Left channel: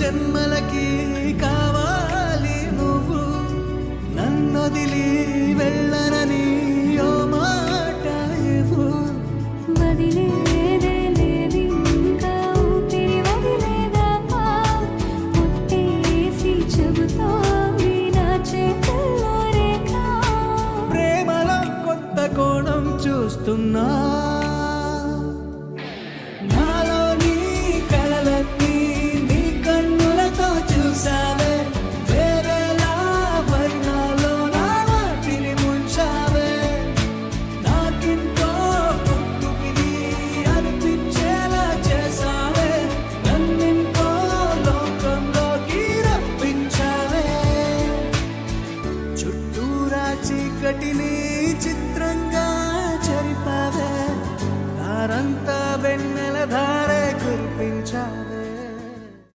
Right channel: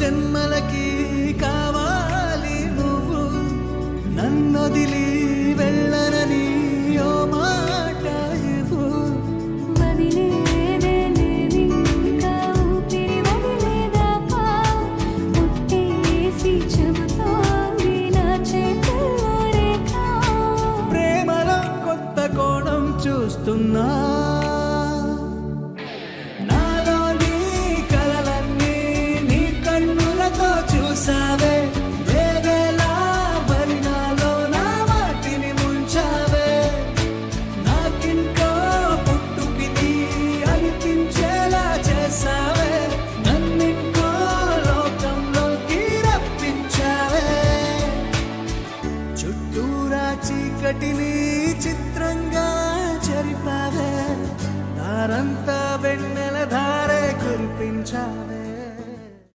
జన్మలకి కావాలి నువ్వు, నన్నొదిలి వెళ్ళనని ఓ మాట ఇవ్వు. వదిలేదే లేదు ఇంకా ఊపిరి వదిలేదాకా, పుట్టేసి చెబుతోంది నా చేతుల్లో రేఖ. ప్రేమలో కొత్త కోణం చూస్తున్నా, నాలో నీ కలలన్నీ నీ కన్నులతో చూసావే, వేవేలా వర్ణాలో నా వాటిని ముంచావే. నాకింకో పుట్టుకిది అనిపించేలా చేసావే, నన్నింకో లోకంలోకి రప్పించావే. చుట్టూరా చీకటిని చిత్రంగా చెరిపావే, దారంతా వెన్నెల ధారే కురిపించావే.